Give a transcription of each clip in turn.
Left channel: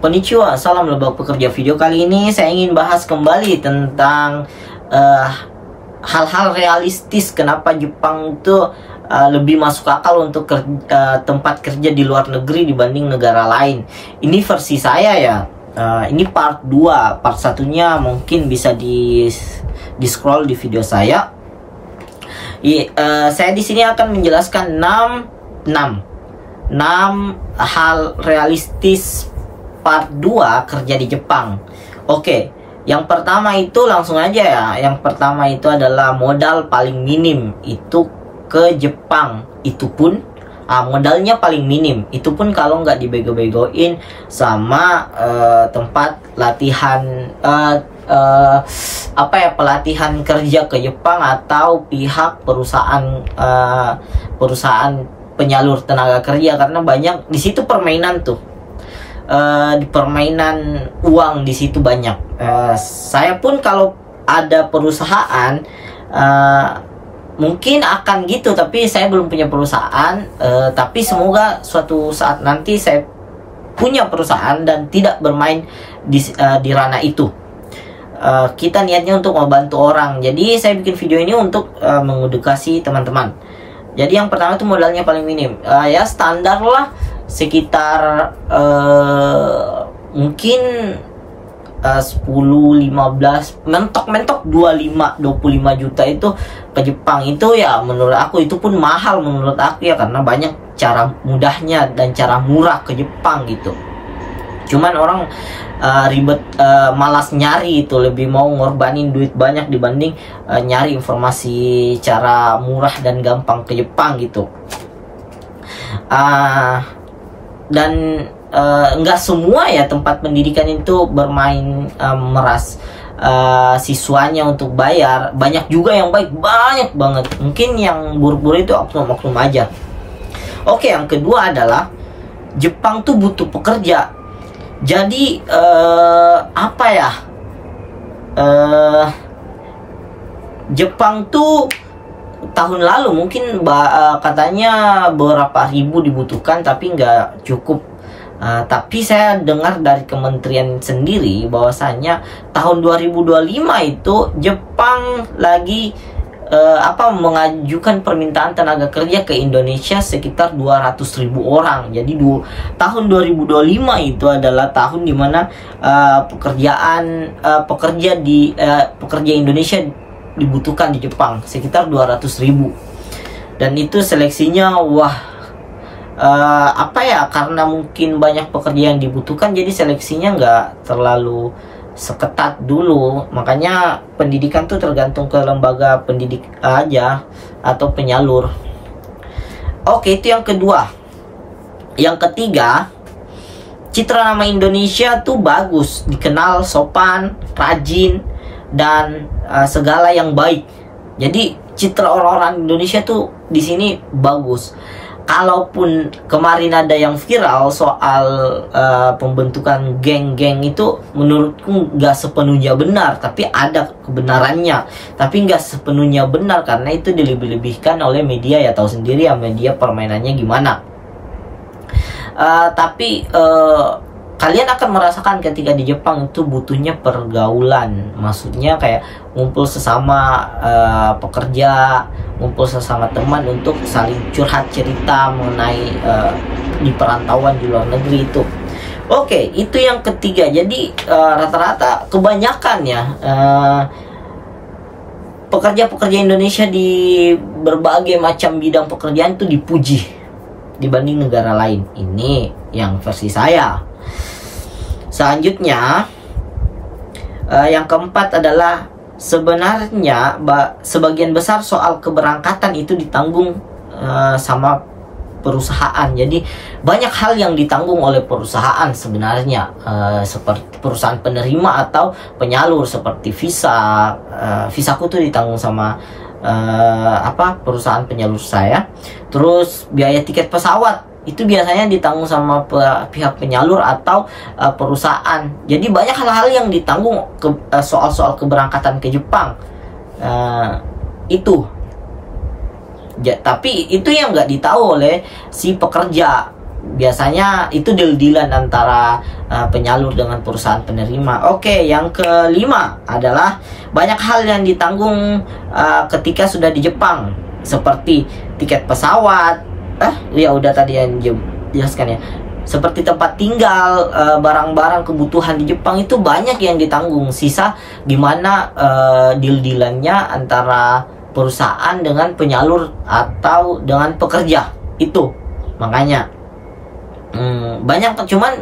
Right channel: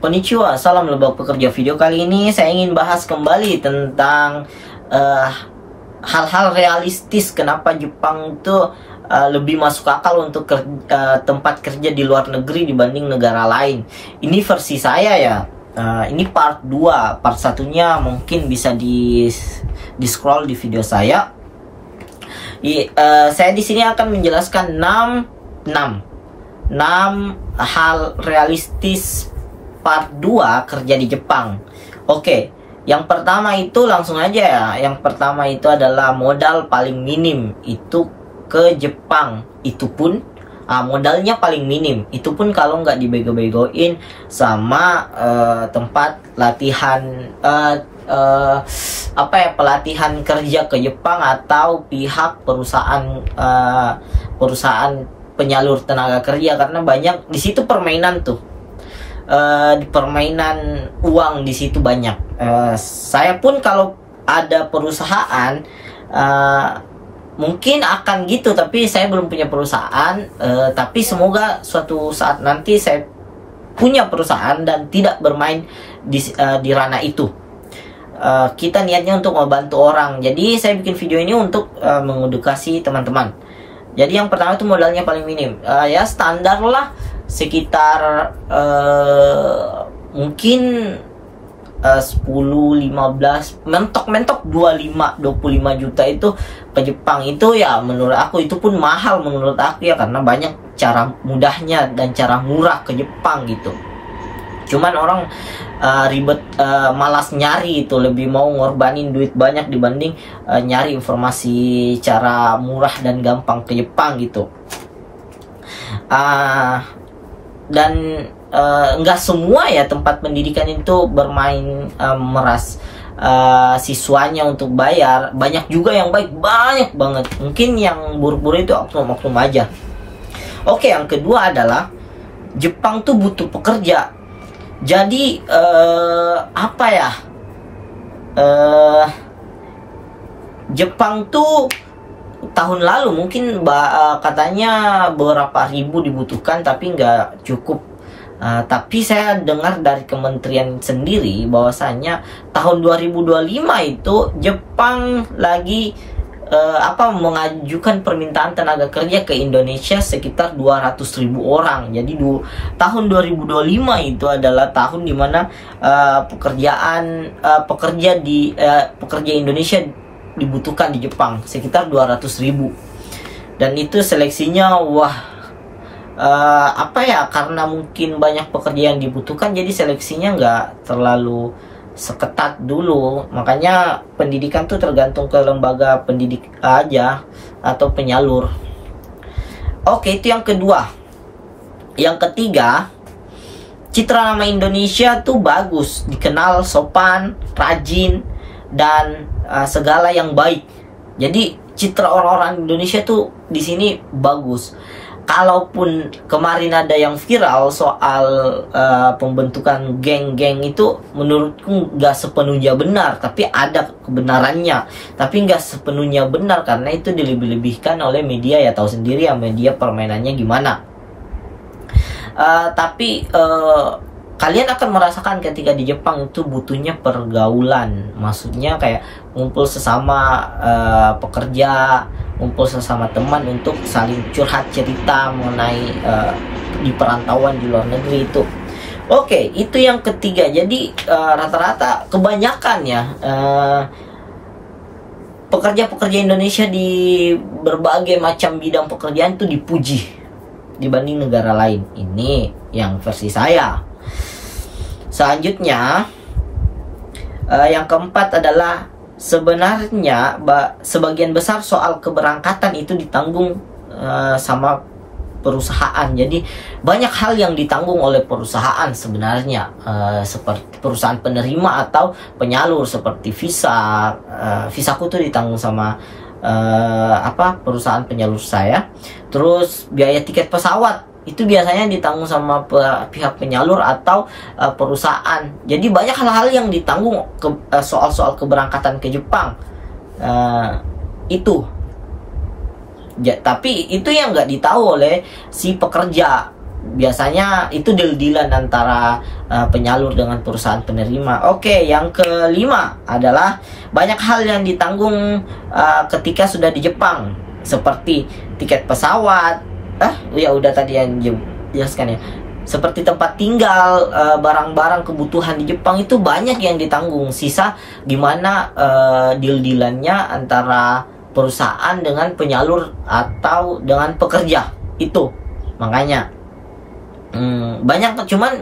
Konnichiwa, salam lebak pekerja. Video kali ini saya ingin bahas kembali tentang hal-hal realistis kenapa Jepang itu lebih masuk akal untuk tempat kerja di luar negeri dibanding negara lain. Ini versi saya ya. Ini part 2, part satunya mungkin bisa di scroll di video saya. Saya di sini akan menjelaskan 6 hal realistis part 2 kerja di Jepang. Oke, yang pertama itu langsung aja ya. Yang pertama itu adalah modal paling minim itu ke Jepang. Itu pun modalnya paling minim. Itu pun kalau nggak dibego-begoin sama tempat latihan pelatihan kerja ke Jepang atau pihak perusahaan penyalur tenaga kerja, karena banyak di situ permainan tuh. Di permainan uang di situ banyak. Saya pun kalau ada perusahaan mungkin akan gitu, tapi saya belum punya perusahaan. Tapi semoga suatu saat nanti saya punya perusahaan dan tidak bermain di ranah itu. Kita niatnya untuk membantu orang. Jadi saya bikin video ini untuk mengedukasi teman-teman. Jadi yang pertama itu modalnya paling minim. Ya standar lah, sekitar mungkin 10, 15, mentok 25 juta itu ke Jepang. Itu ya menurut aku itu pun mahal menurut aku ya, karena banyak cara mudahnya dan cara murah ke Jepang gitu. Cuman orang ribet, malas nyari itu, lebih mau ngorbanin duit banyak dibanding nyari informasi cara murah dan gampang ke Jepang gitu. Dan enggak semua ya tempat pendidikan itu bermain meras siswanya untuk bayar. Banyak juga yang baik, banyak banget. Mungkin yang buruk-buruk itu oknum-oknum aja. Oke, yang kedua adalah Jepang tuh butuh pekerja. Jadi Jepang tuh tahun lalu mungkin katanya beberapa ribu dibutuhkan, tapi nggak cukup. Tapi saya dengar dari kementerian sendiri bahwasanya tahun 2025 itu Jepang lagi mengajukan permintaan tenaga kerja ke Indonesia sekitar 200.000 orang. Jadi tahun 2025 itu adalah tahun dimana pekerja Indonesia dibutuhkan di Jepang sekitar 200.000. Dan itu seleksinya karena mungkin banyak pekerja yang dibutuhkan, jadi seleksinya nggak terlalu seketat dulu. Makanya pendidikan tuh tergantung ke lembaga pendidik aja atau penyalur. Oke, itu yang kedua. Yang ketiga, citra nama Indonesia tuh bagus, dikenal sopan, rajin, dan segala yang baik. Jadi citra orang-orang Indonesia tuh di sini bagus. Kalaupun kemarin ada yang viral soal pembentukan geng-geng itu, menurutku nggak sepenuhnya benar, tapi ada kebenarannya. Tapi nggak sepenuhnya benar karena itu dilebih-lebihkan oleh media, ya tahu sendiri ya media permainannya gimana. Tapi kalian akan merasakan ketika di Jepang itu butuhnya pergaulan. Maksudnya kayak ngumpul sesama pekerja, ngumpul sesama teman untuk saling curhat cerita mengenai di perantauan di luar negeri itu. Oke, itu yang ketiga. Jadi rata-rata kebanyakan ya pekerja-pekerja Indonesia di berbagai macam bidang pekerjaan itu dipuji dibanding negara lain. Ini yang versi saya. Selanjutnya, yang keempat adalah sebenarnya sebagian besar soal keberangkatan itu ditanggung sama perusahaan. Jadi banyak hal yang ditanggung oleh perusahaan sebenarnya, seperti perusahaan penerima atau penyalur, seperti visa. Visaku tuh ditanggung sama perusahaan penyalur saya. Terus biaya tiket pesawat itu biasanya ditanggung sama pihak penyalur atau perusahaan. Jadi banyak hal-hal yang ditanggung soal-soal keberangkatan ke Jepang. Tapi itu yang nggak ditahu oleh si pekerja. biasanya itu deal-dealan antara penyalur dengan perusahaan penerima. Oke, yang kelima adalah banyak hal yang ditanggung ketika sudah di Jepang, seperti tiket pesawat. Ya udah tadi yang jelaskan ya. Seperti tempat tinggal, barang-barang kebutuhan di Jepang itu banyak yang ditanggung. Sisa gimana deal-dealannya antara perusahaan dengan penyalur atau dengan pekerja itu. Makanya banyak, cuman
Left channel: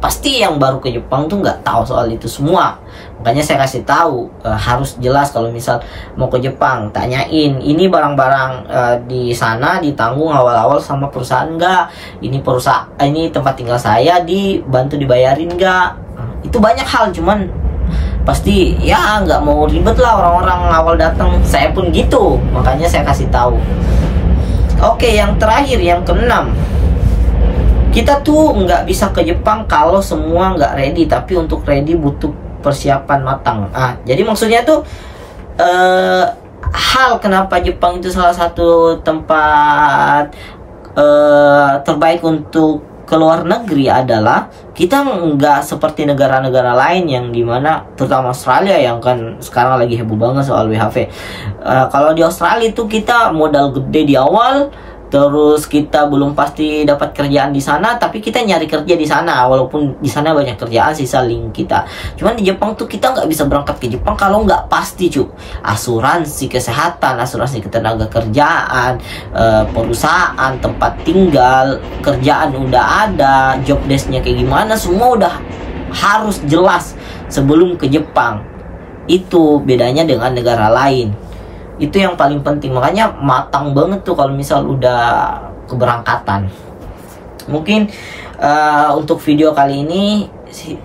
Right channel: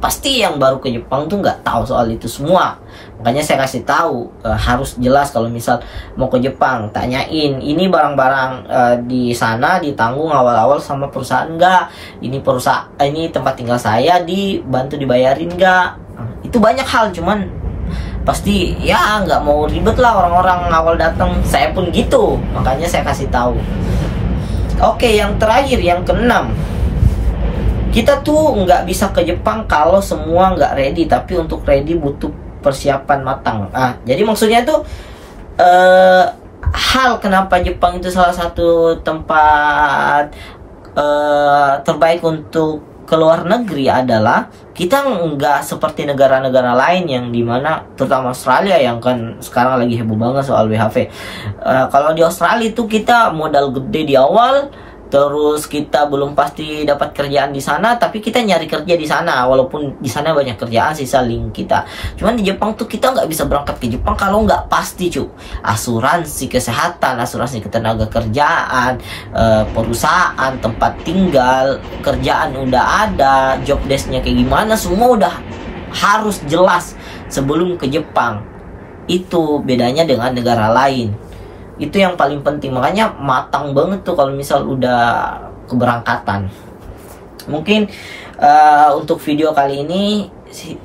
pasti yang baru ke Jepang tuh nggak tahu soal itu semua. Makanya saya kasih tahu, harus jelas kalau misal mau ke Jepang, tanyain ini barang-barang di sana ditanggung awal-awal sama perusahaan nggak, ini perusahaan, ini tempat tinggal saya dibantu dibayarin nggak. Itu banyak hal, cuman pasti ya nggak mau ribet lah orang-orang awal datang. Saya pun gitu, makanya saya kasih tahu. Oke, yang terakhir, yang keenam, kita tuh nggak bisa ke Jepang kalau semua nggak ready, tapi untuk ready butuh persiapan matang. Jadi maksudnya tuh hal kenapa Jepang itu salah satu tempat terbaik untuk ke luar negeri adalah kita nggak seperti negara-negara lain yang dimana, terutama Australia yang kan sekarang lagi heboh banget soal WHV. Kalau di Australia itu kita modal gede di awal, terus kita belum pasti dapat kerjaan di sana, tapi kita nyari kerja di sana, walaupun di sana banyak kerjaan sisa link kita. Cuman di Jepang tuh kita nggak bisa berangkat ke Jepang kalau nggak pasti asuransi kesehatan, asuransi ketenaga kerjaan, perusahaan, tempat tinggal, kerjaan udah ada, job desknya kayak gimana, semua udah harus jelas sebelum ke Jepang. Itu bedanya dengan negara lain. Itu yang paling penting, makanya matang banget tuh kalau misal udah keberangkatan. Mungkin untuk video kali ini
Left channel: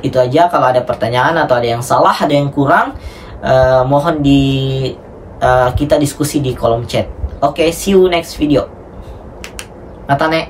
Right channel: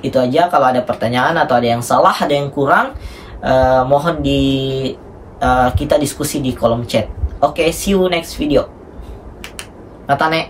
itu aja. Kalau ada pertanyaan atau ada yang salah, ada yang kurang, mohon kita diskusi di kolom chat. Oke, see you next video. Matane.